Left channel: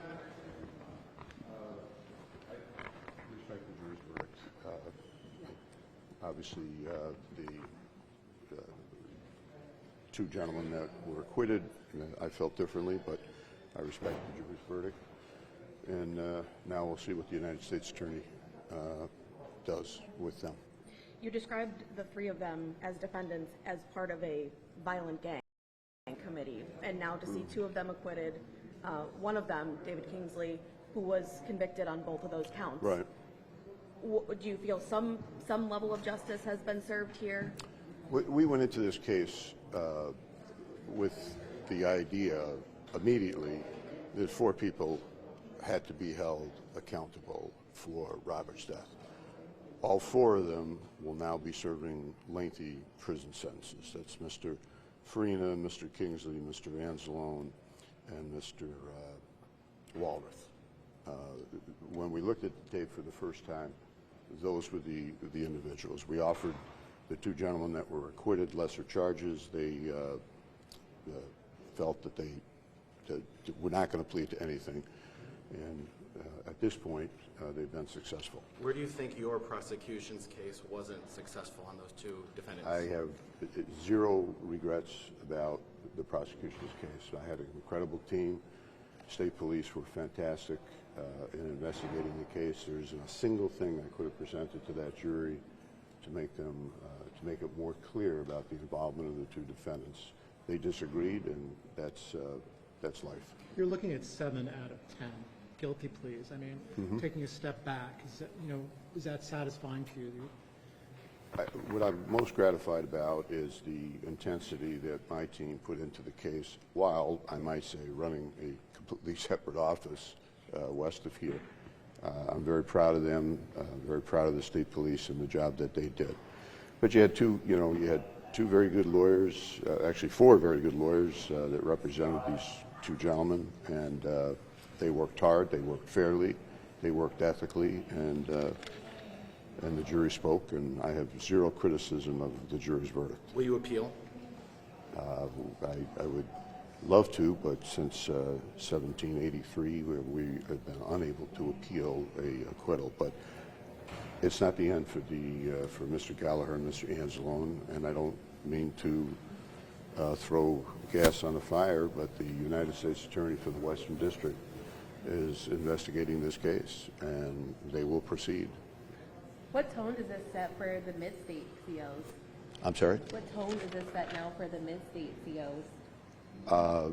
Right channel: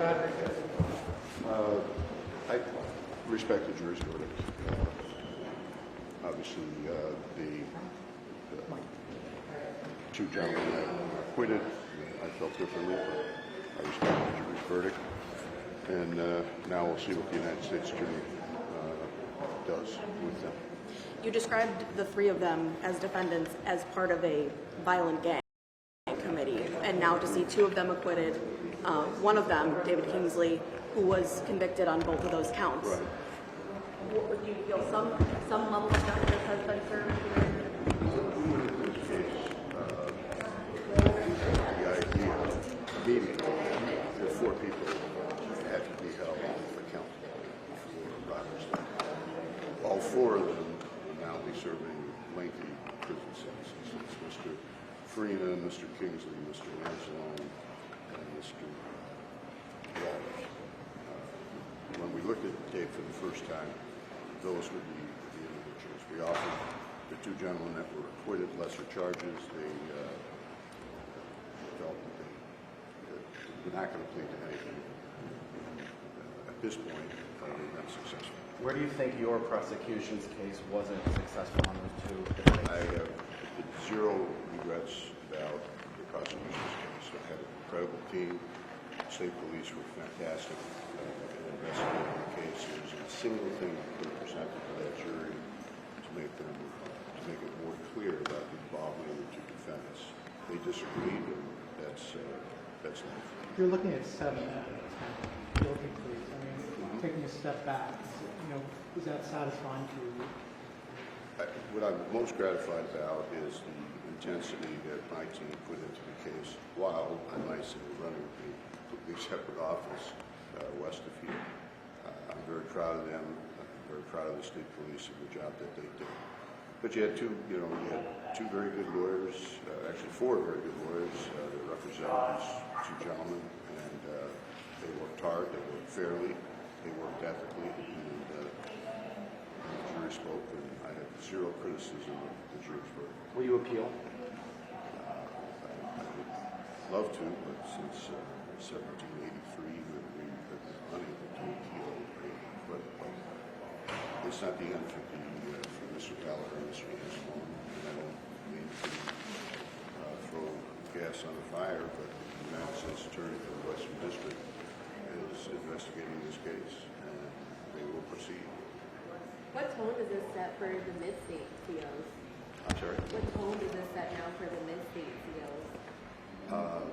I respect the jury's verdict. Obviously, the two gentlemen that were acquitted, I felt differently, but I respect the jury's verdict. And now we'll see what the United States Attorney does with them. You described the three of them as defendants as part of a violent gang committee, and now to see two of them acquitted, one of them, David Kingsley, who was convicted on both of those counts. Right. Would you feel some level of justice has been served here? We went into this case with the idea immediately that four people had to be held accountable for robbery stuff. All four of them will now be serving lengthy prison sentences. It's Mr. Farina, Mr. Kingsley, Mr. Anzalone, and Mr. Waller. When we looked at Dave for the first time, those would be the individuals. We offered the two gentlemen that were acquitted lesser charges. They felt that they were not going to plead to anything. And at this point, they've been successful. Where do you think your prosecution's case wasn't successful on those two defendants? I have zero regrets about the prosecution's case. I had an incredible team. State police were fantastic in investigating the case. There isn't a single thing I could have presented to that jury to make them to make it more clear about the involvement of the two defendants. They disagreed, and that's life. You're looking at 7 out of 10 guilty pleas. I mean, taking a step back, is that satisfying for you? What I'm most gratified about is the intensity that my team put into the case, while, I might say, running a completely separate office west of here. I'm very proud of them. I'm very proud of the state police and the job that they did. But you had two very good lawyers, actually 4 very good lawyers that represented these two gentlemen, and they worked hard, they worked fairly, they worked ethically, and the jury spoke, and I have zero criticism of the jury's verdict. Will you appeal? I would love to, but since 1783, we have been unable to appeal a acquittal. But it's not the end for Mr. Gallagher and Mr. Anzalone, and I don't mean to throw gas on the fire, but the United States Attorney for the Western District is investigating this case, and they will proceed. What tone does this set for the mid-state COs? I'm sorry? What tone does this set now for the mid-state COs?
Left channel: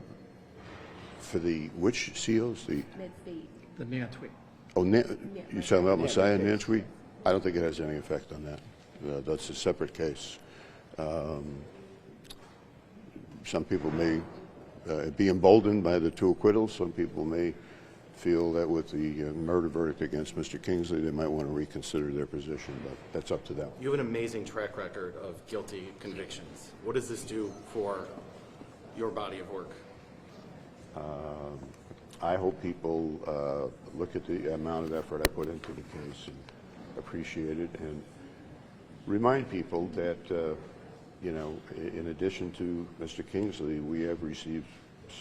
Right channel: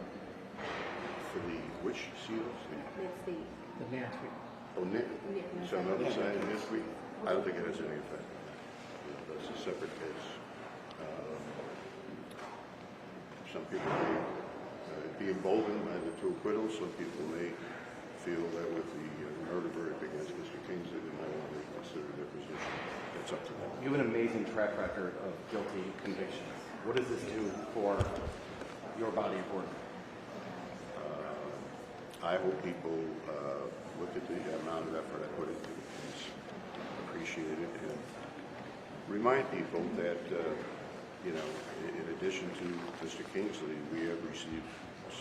For the which seals? The Mid-state. The Nantweed. Oh, you talking about Messiah and Nantweed? I don't think it has any effect on that. That's a separate case. Some people may be emboldened by the 2 acquittals. Some people may feel that with the murder verdict against Mr. Kingsley, they might want to reconsider their position, but that's up to them. You have an amazing track record of guilty convictions. What does this do for your body of work? I hope people look at the amount of effort I put into the case and appreciate it, and remind people that, in addition to Mr. Kingsley, we have received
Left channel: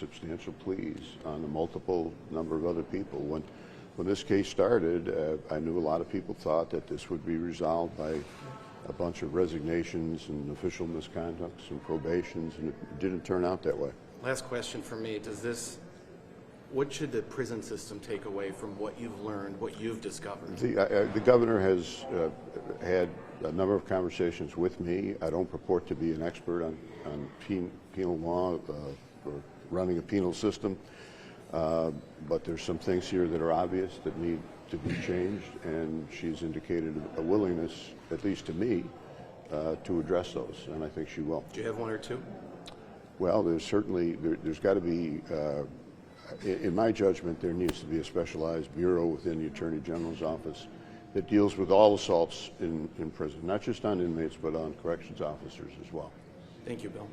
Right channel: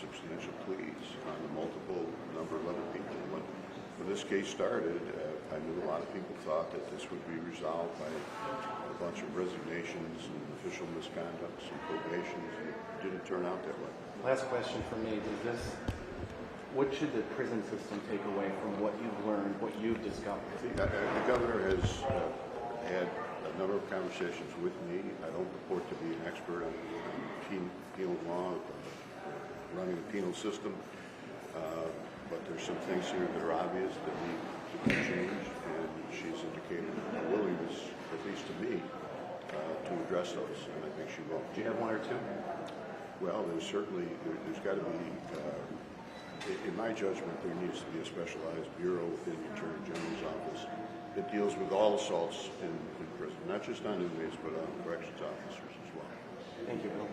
substantial pleas on the multiple number of other people. When this case started, I knew a lot of people thought that this would be resolved by a bunch of resignations and official misconducts and probations, and it didn't turn out that way. Last question for me. What should the prison system take away from what you've learned, what you've discovered? The governor has had a number of conversations with me. I don't purport to be an expert on penal law or running the penal system, but there's some things here that are obvious that need to be changed, and she's indicated a willingness, at least to me, to address those, and I think she will. Do you have 1 or 2? Well, there's got to be, in my judgment, there needs to be a specialized bureau within the Attorney General's office that deals with all assaults in prison, not just on inmates, but on corrections officers as well. Thank you, Bill.